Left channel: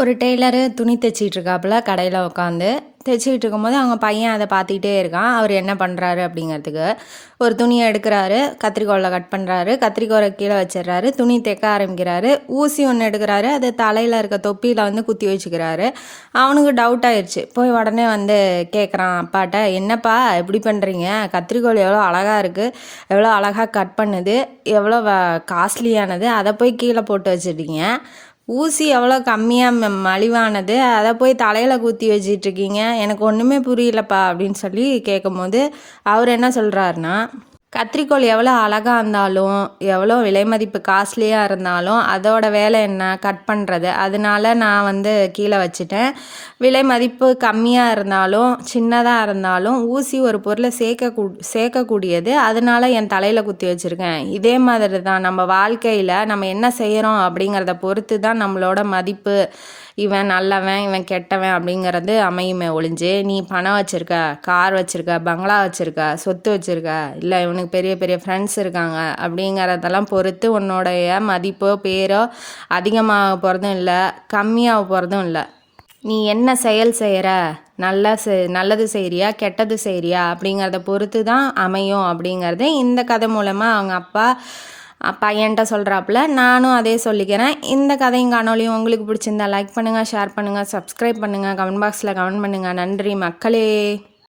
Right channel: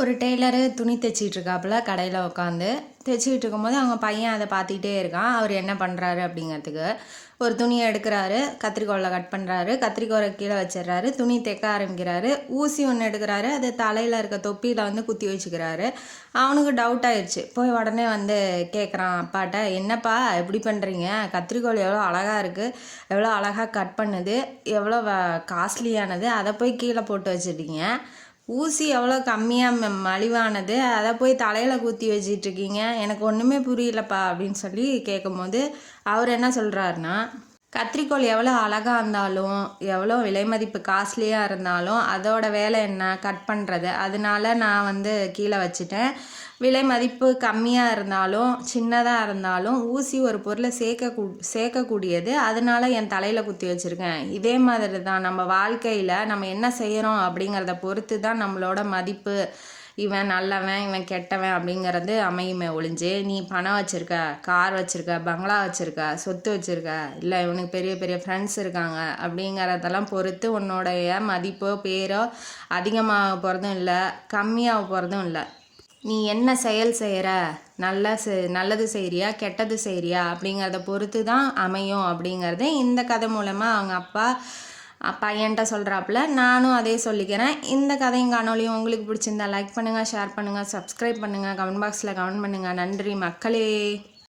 ஒரு டெய்லரு துணி தைச்சிட்டு இருக்காப்புல கடையில் உட்காந்து தைச்சிக்கிட்டு இருக்கும்போது அவங்க பையன் அதை பார்த்துக்கிட்டே இருக்கான். அவர் என்ன பண்ணுறாரு அப்படிங்கிறதுக்கு ஒரு துணியை எடுக்கிறாரு, கத்திரிக்கோலில் கட் பண்ணுறாரு, கத்திரிக்கோலை கீழே வச்சிடுறாரு, துணி தைக்க ஆரம்பிக்கிறாரு. ஊசி ஒன்று எடுக்கிறாரு, அது தலையில் இருக்க தொப்பியில் வந்து குத்தி வச்சுக்கிறாரு. அவனுக்கு டவுட் ஆயிடுச்சு. போய் உடனே வந்து கேட்குறான் அப்பாட்ட, என்னப்பா எப்படி பண்ணுறீங்க? கத்திரிக்கோல் எவ்வளோ அழகாக இருக்குது, எவ்வளோ அழகாக கட் பண்ணுது, எவ்வளோ காஸ்ட்லியானது, அதை போய் கீழே போட்டு வச்சுட்டீங்க. ஊசி எவ்வளோ கம்மியாக மலிவானது, அதை போய் தலையில் குத்தி வச்சிட்ருக்கீங்க, எனக்கு ஒன்றுமே புரியலப்பா அப்படின்னு சொல்லி கேட்கும்போது அவர் என்ன சொல்கிறாருன்னா, கத்திரிக்கோல் எவ்வளோ அழகாக இருந்தாலும் எவ்வளோ விலை மதிப்பு காஸ்ட்லியாக இருந்தாலும் அதோட வேலை என்ன, கட் பண்ணுறது. அதனால நான் வந்து கீழே வச்சுட்டேன். விலை மதிப்பு கம்மியாக இருந்தாலும் சின்னதாக இருந்தாலும் ஊசி ஒரு பொருளை சேர்க்கக்கூடியது, அதனால என் தலையில் குத்தி வச்சுருக்கேன். இதே மாதிரி தான் நம்ம வாழ்க்கையில் நம்ம என்ன செய்கிறோம் அப்படிங்கிறத பொறுத்து தான் நம்மளோட மதிப்பு, இவன் நல்லவன் இவன் கெட்டவன் அப்படிங்கிறது அமையுமே ஒழிஞ்சு, நீ பணம் வச்சுருக்க, கார் வச்சுருக்க, பங்களா வச்சுருக்க, சொத்து வச்சுருக்க, இல்லை இவனுக்கு பெரிய பெரிய ஃப்ரெண்ட்ஸ் இருக்காங்க அப்படிங்கிறதெல்லாம் பொறுத்து உன்னோடைய மதிப்போ பேரோ அதிகமாக போகிறதும் இல்லை, கம்மியாக போகிறதும் இல்லை. நீ என்ன செயல் செய்கிற, நல்லது செய்கிறியா கெட்டது செய்கிறியா அப்படிங்கிறத பொறுத்து தான் அமையும் அப்படிங்கிறது இந்த கதை மூலமாக அவங்க அப்பா பையன்ட்ட சொல்கிறாப்புல. நானும் அதே சொல்லிக்கிறேன். இந்த கதையும் காணொலியும் உங்களுக்கு பிடிச்சிருந்தா லைக் பண்ணுங்கள், ஷேர் பண்ணுங்கள், சப்ஸ்கிரைப் பண்ணுங்கள், கமெண்ட் பாக்ஸில் கமெண்ட் பண்ணுங்கள். நன்றி மக்களே.